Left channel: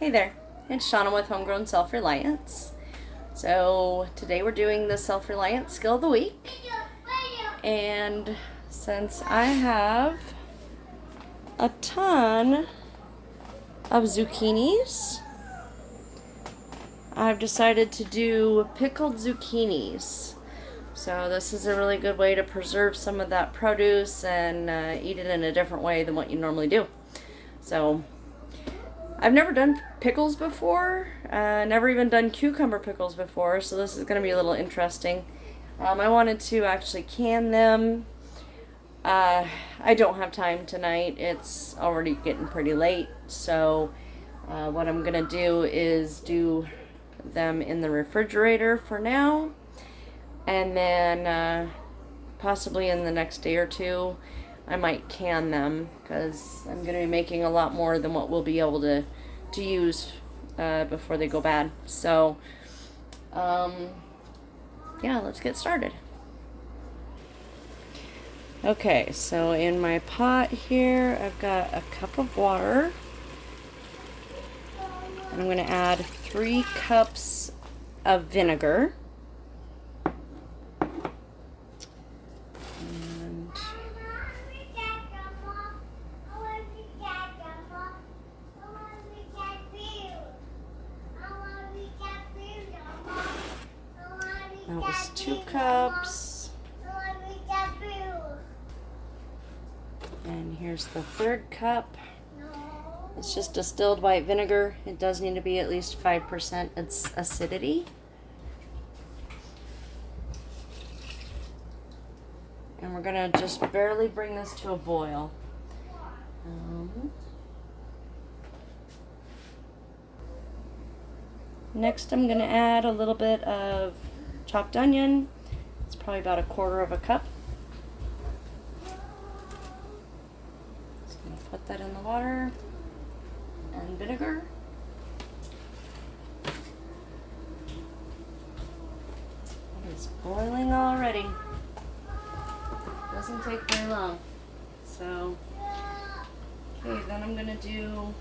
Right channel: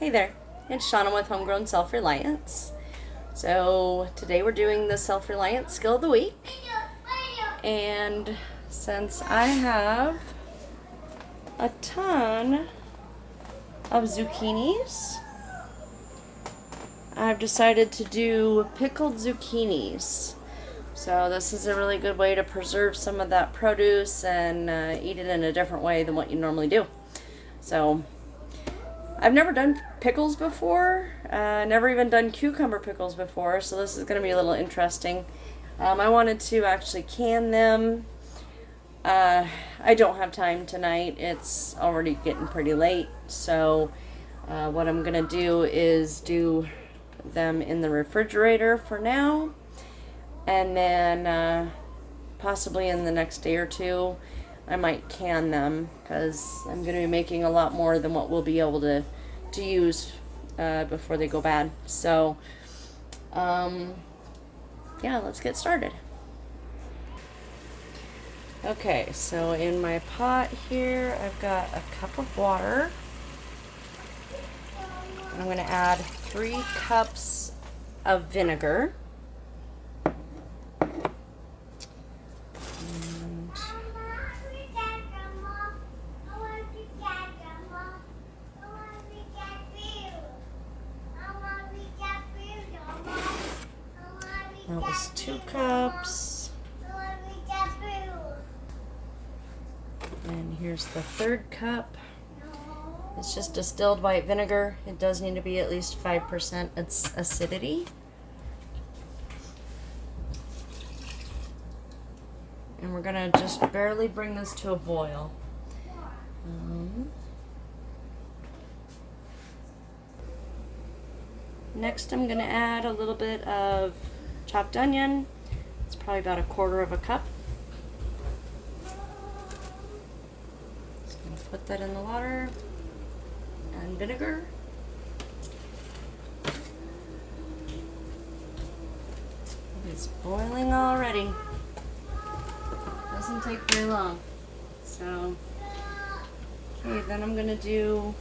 Hey there, it's Shauna with Homegrown Self-Reliance. So today we're doing the Self-Reliance Skill of the Week. And since I have a ton of zucchinis, I've decided to do pickled zucchinis. So this is a really good way to preserve some of that produce and eat it in a different way than what you normally do. So I've never done pickles before, never even done cucumber pickles before, so this is going to be a little interesting. I wanted to actually can them. I don't have time tonight. It's already getting pretty late, so what I'm going to do is do them in the refrigerator for now, and then possibly in the next day or two I might can them, because I'm going to be making a lot more than what we'll be able to use before they go bad. So, yeah, let's get started. Okay, so in my pot here, I've got a cup of water. I'm going to add 3 cups of vinegar. That was 2 cups. And here's the 3rd cup. It's just distilled white vinegar. It does need to be at least 5% its acidity. And we're gonna just barely bring this to a boil. Next, I'm gonna add a little bit of chopped onion. It's probably about 1/4 cup. Just gonna put that in the water and vinegar. It's boiling already. Doesn't take very long. So, okay, then I'm gonna do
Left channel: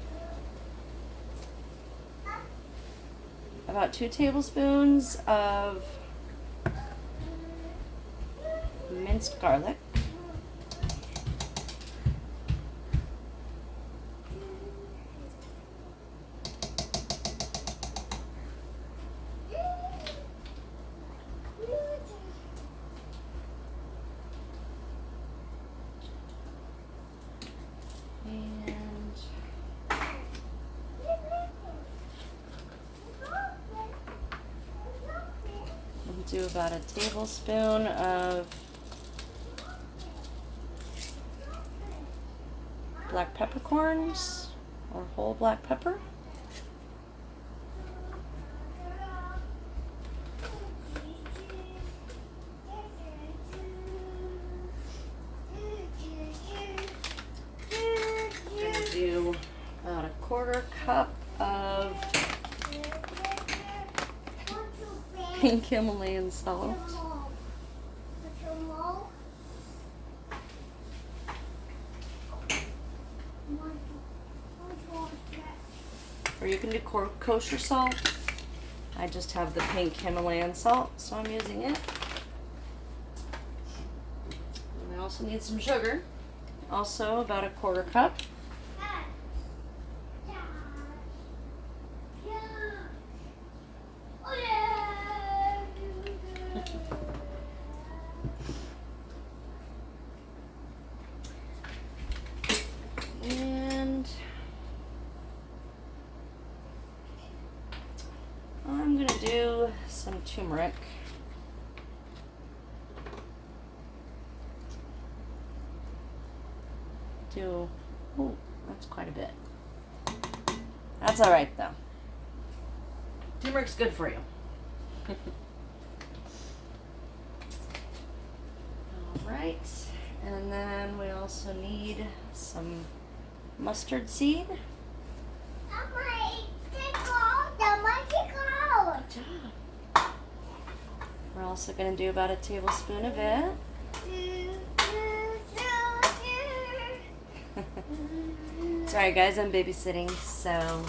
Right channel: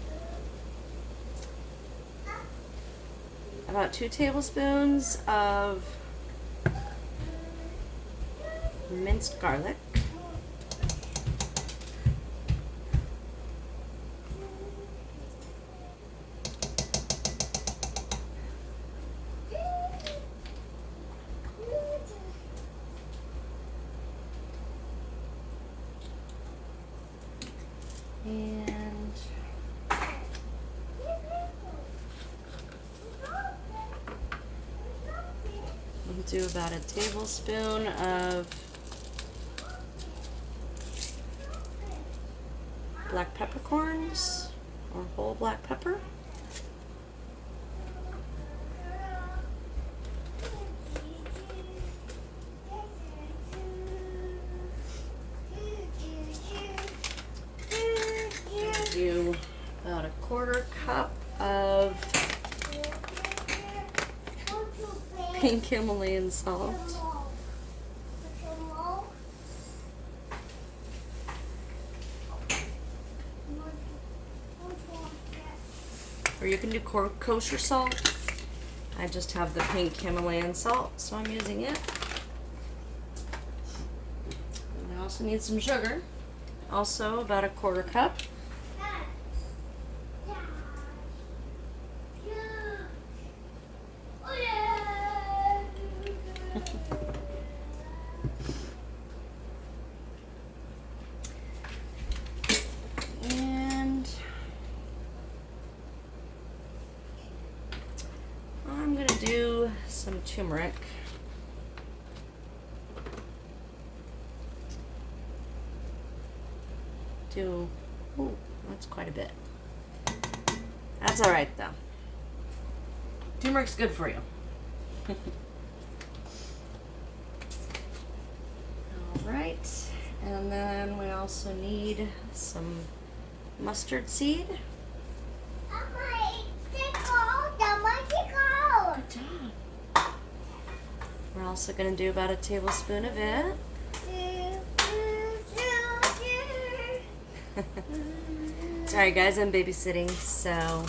about 2 tablespoons of minced garlic. And we'll do about a tablespoon of black peppercorns, or whole black pepper. Do about 1/4 cup of pink Himalayan salt. Or you can do kosher salt. I just have the pink Himalayan salt, so I'm using it. And I also need some sugar. Also about 1/4 cup. And I'm going to do some turmeric. Ooh, that's quite a bit. That's all right though. Turmeric's good for you. All right, and then we also need some mustard seed. Good job. We're also going to do about a tablespoon of it. Sorry guys, I'm babysitting, so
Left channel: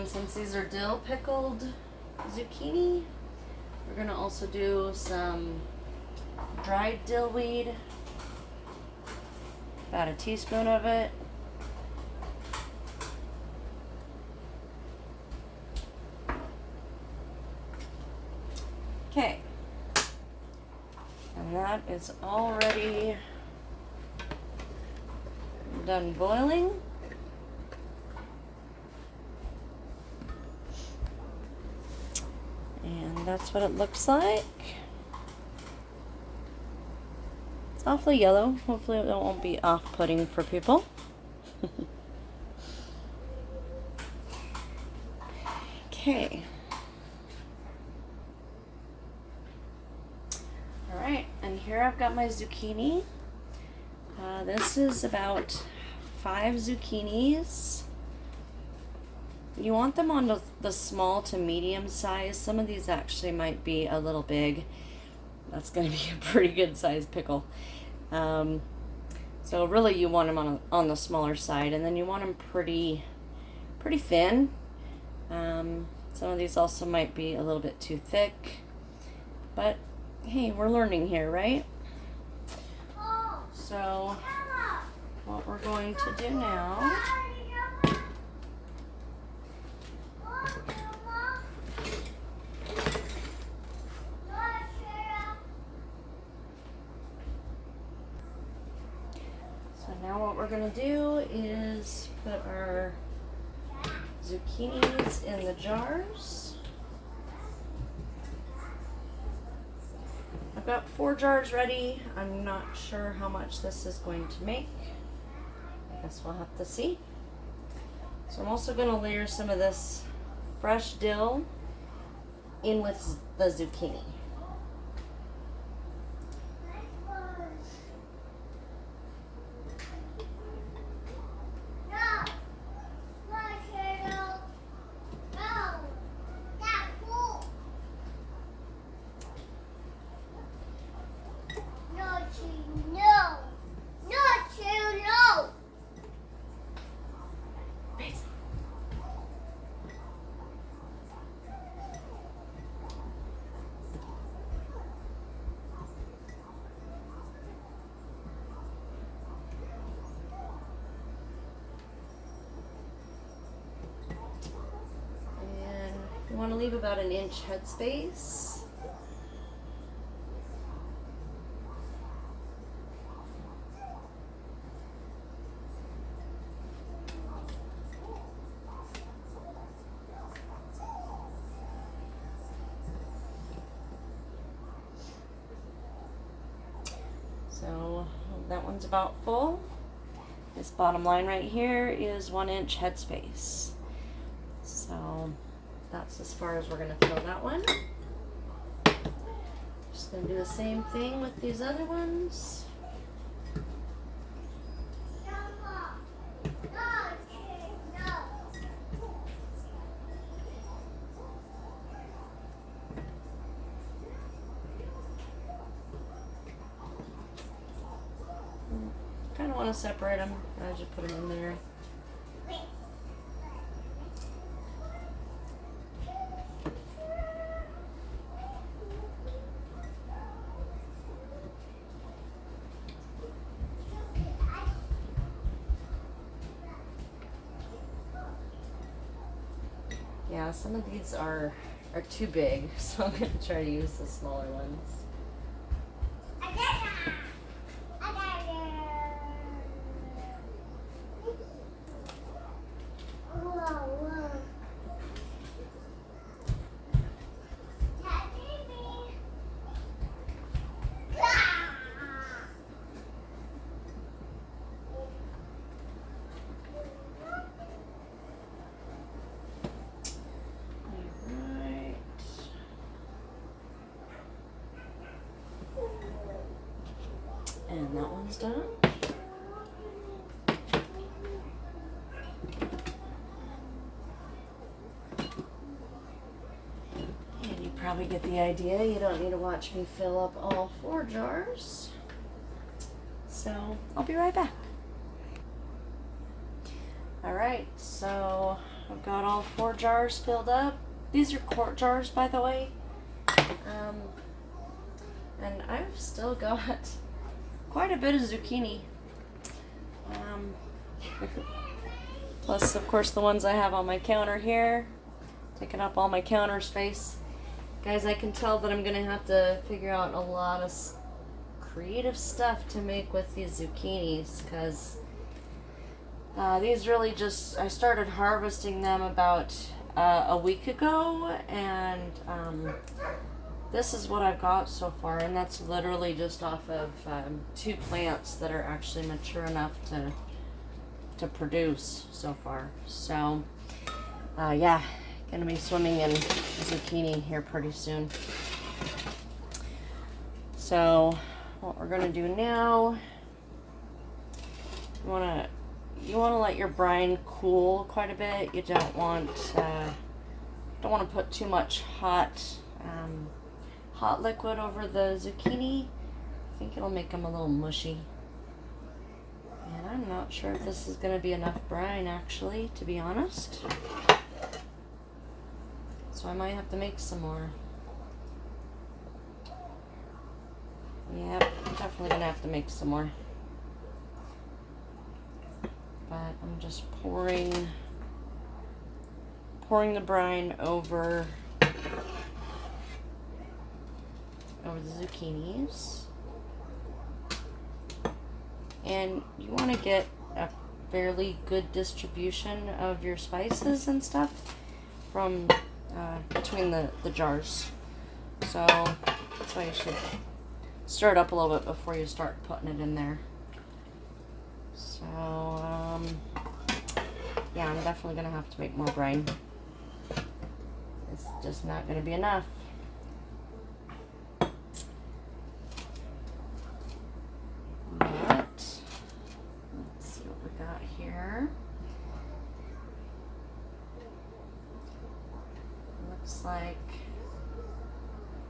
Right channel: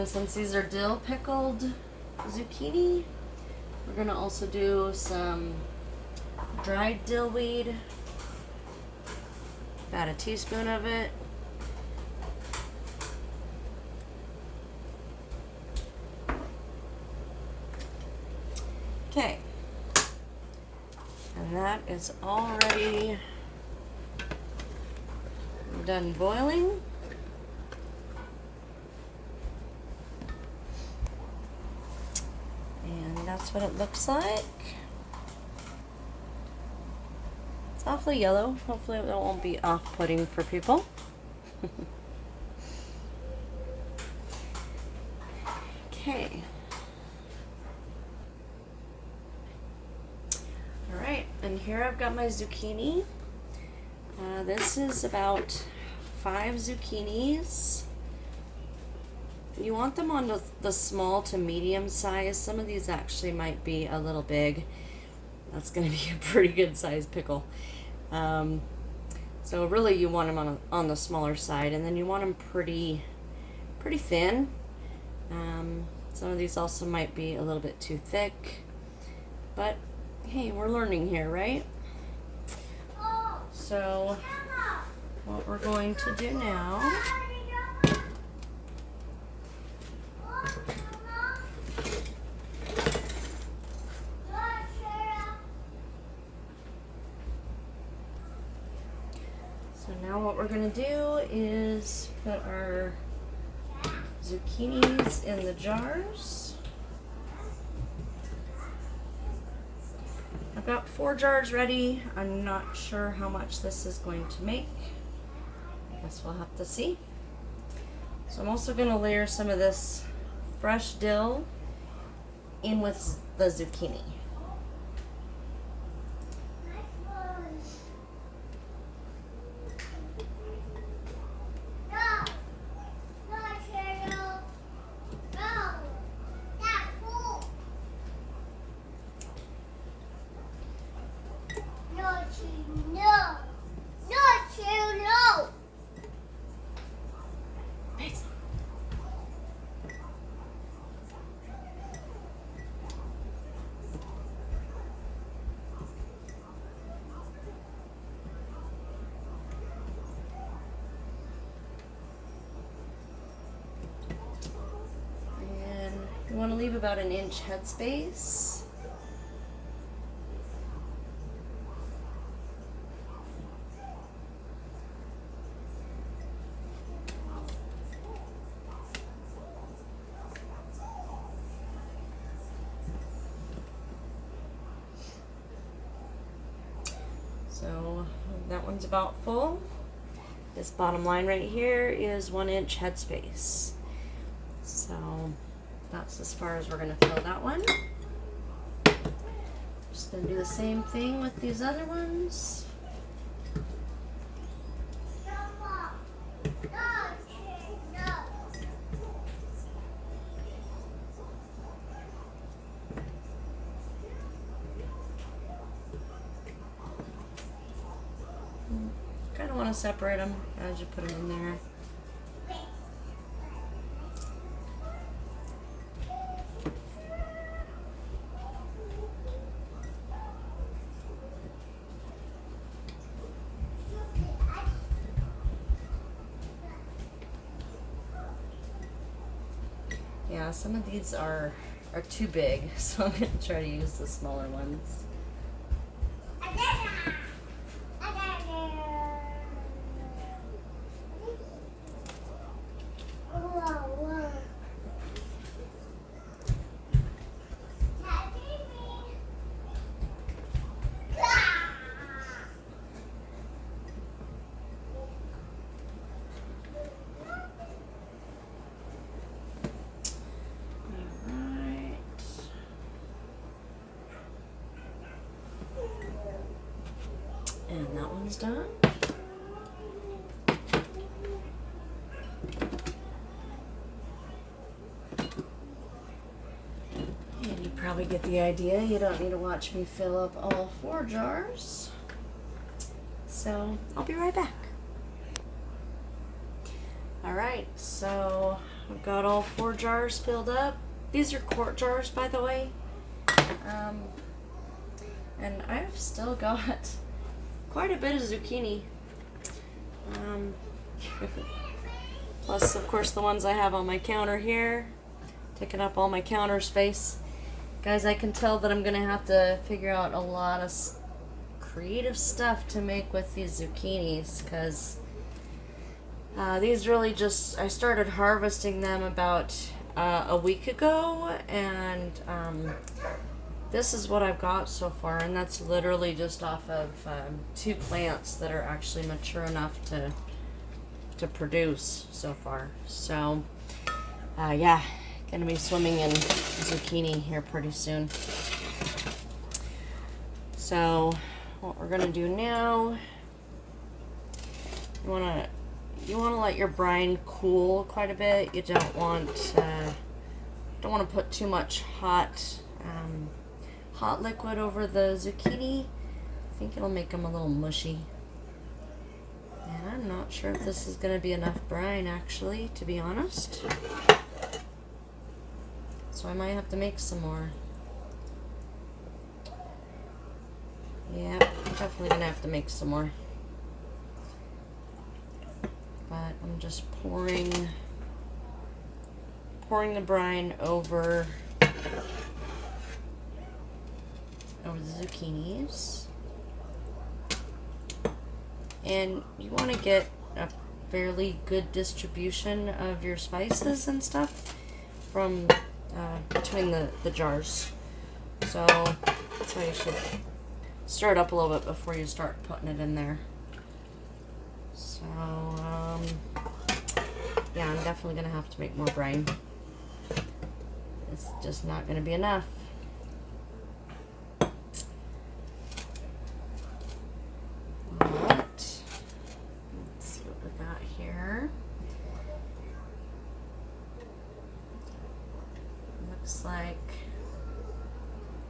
And since these are dill pickled zucchini, we're gonna also do some dried dill weed, about a teaspoon of it. Okay, and that is already done boiling. And that's what it looks like. It's awfully yellow. Hopefully it won't be off-putting for people. Okay. Alright, and here I've got my zucchini. This is about 5 zucchinis. You want them on the small to medium size. Some of these actually might be a little big. That's going to be a pretty good size pickle. So really you want them on the smaller side, and then you want them pretty thin. Some of these also might be a little bit too thick, but hey, we're learning here, right? So what we're going to do now what we're going to do is put our zucchinis in the jars. I've got 4 jars ready. I'm not sure how much this is going to make. I guess we'll have to see. So I'm also going to layer some of this fresh dill in with the zucchini. You want to leave about an inch headspace. So that one's about full. This bottom line right here is 1 inch headspace. So that's as far as we're going to fill that one. Just going to do the same thing with these other ones. Kind of want to separate them as you put them in there. Yeah, some of these are too big, so I'm going to try to use the smaller ones. And that one's done. And you probably get the idea. You don't need to watch me fill up all 4 jars. So I'll be right back. All right, so I've got all 4 jars filled up. These are quart jars, by the way. And I've still got quite a bit of zucchini. Plus, of course, the ones I have on my counter here, taking up all my counter space. Guys, I can tell that I'm gonna have to figure out a lot of creative stuff to make with these zucchinis, because these really just, I started harvesting them about a week ago, and this is what I've got so far, and that's literally just off of 2 plants that are actually mature enough to produce so far. So yeah, gonna be swimming in zucchini here pretty soon. So what we're gonna do now, you wanna let your brine cool quite a bit. You don't want to put too much hot liquid over the zucchini. I think it'll make them a little mushy. And I'm not sure if this is going to be enough brine, actually, to be honest. So I might have to make some more. Yep, definitely going to have to make some more. But I'm just pouring the brine over the zucchinis. And you want to get a fairly good distribution of your spices and stuff from between the jars. So that's why you should stir it up a little bit before you start putting it in there. So yeah, I'm definitely gonna have to make more brine. It's just not gonna be enough. Like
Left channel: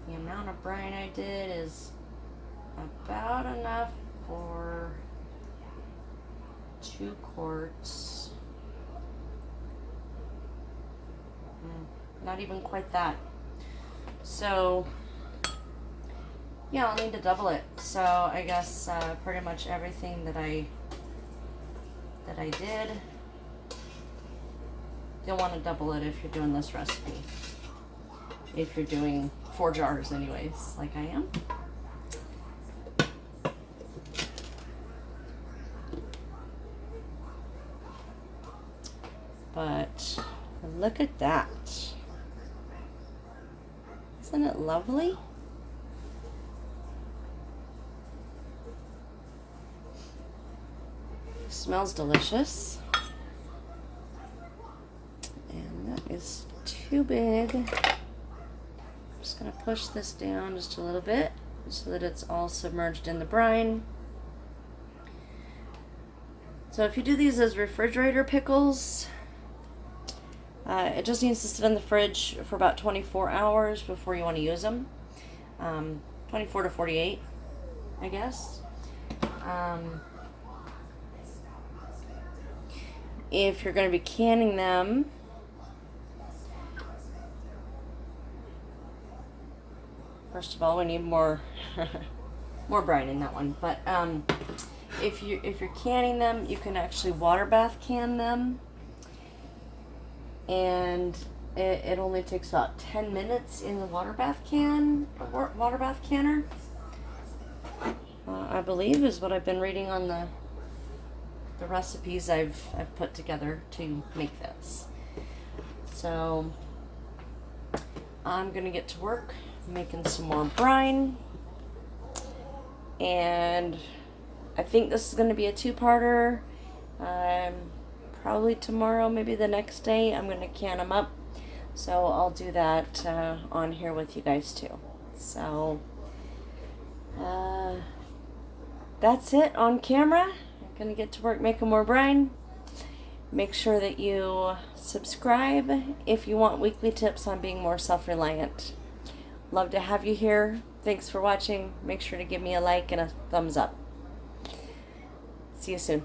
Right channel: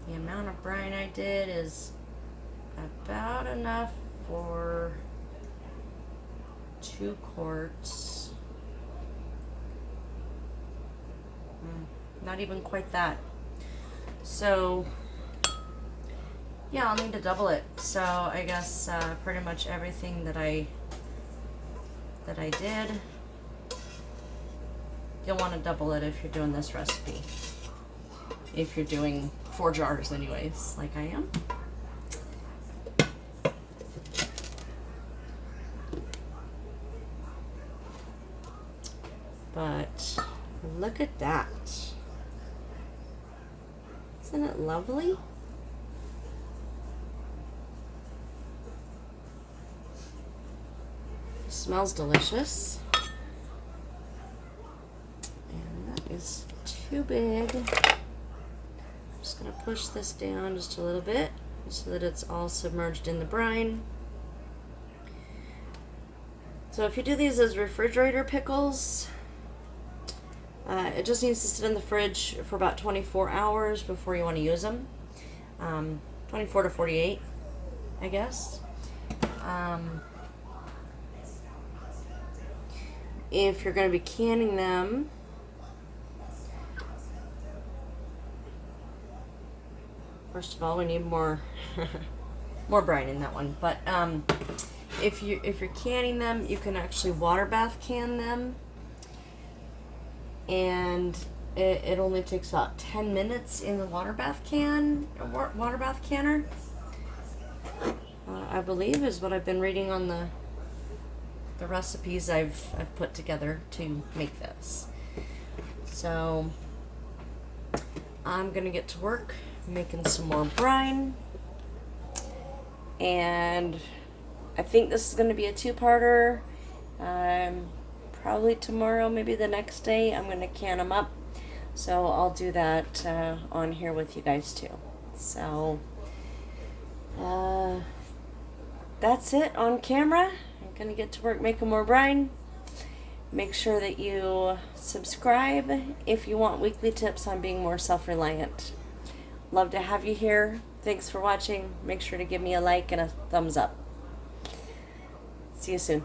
the amount of brine I did is about enough for 2 quarts. Not even quite that. So yeah, I'll need to double it. So I guess pretty much everything that I did, you'll want to double it if you're doing this recipe. If you're doing 4 jars anyways, like I am. But look at that. Isn't it lovely? Smells delicious. And that is too big. Gonna push this down just a little bit so that it's all submerged in the brine. So if you do these as refrigerator pickles, it just needs to sit in the fridge for about 24 hours before you want to use them. 24 to 48, I guess. If you're going to be canning them, first of all, we need more more brine in that one. But if you're canning them, you can actually water bath can them, and it only takes about 10 minutes in the water bath canner. I believe is what I've been reading on the recipes I've put together to make this. So I'm gonna get to work making some more brine, and I think this is going to be a 2-parter. Probably tomorrow, maybe the next day, I'm going to can them up, so I'll do that on here with you guys too. So that's it on camera. I'm going to get to work making more brine. Make sure that you subscribe if you want weekly tips on being more self-reliant. Love to have you here. Thanks for watching. Make sure to give me a like and a thumbs up. See you soon.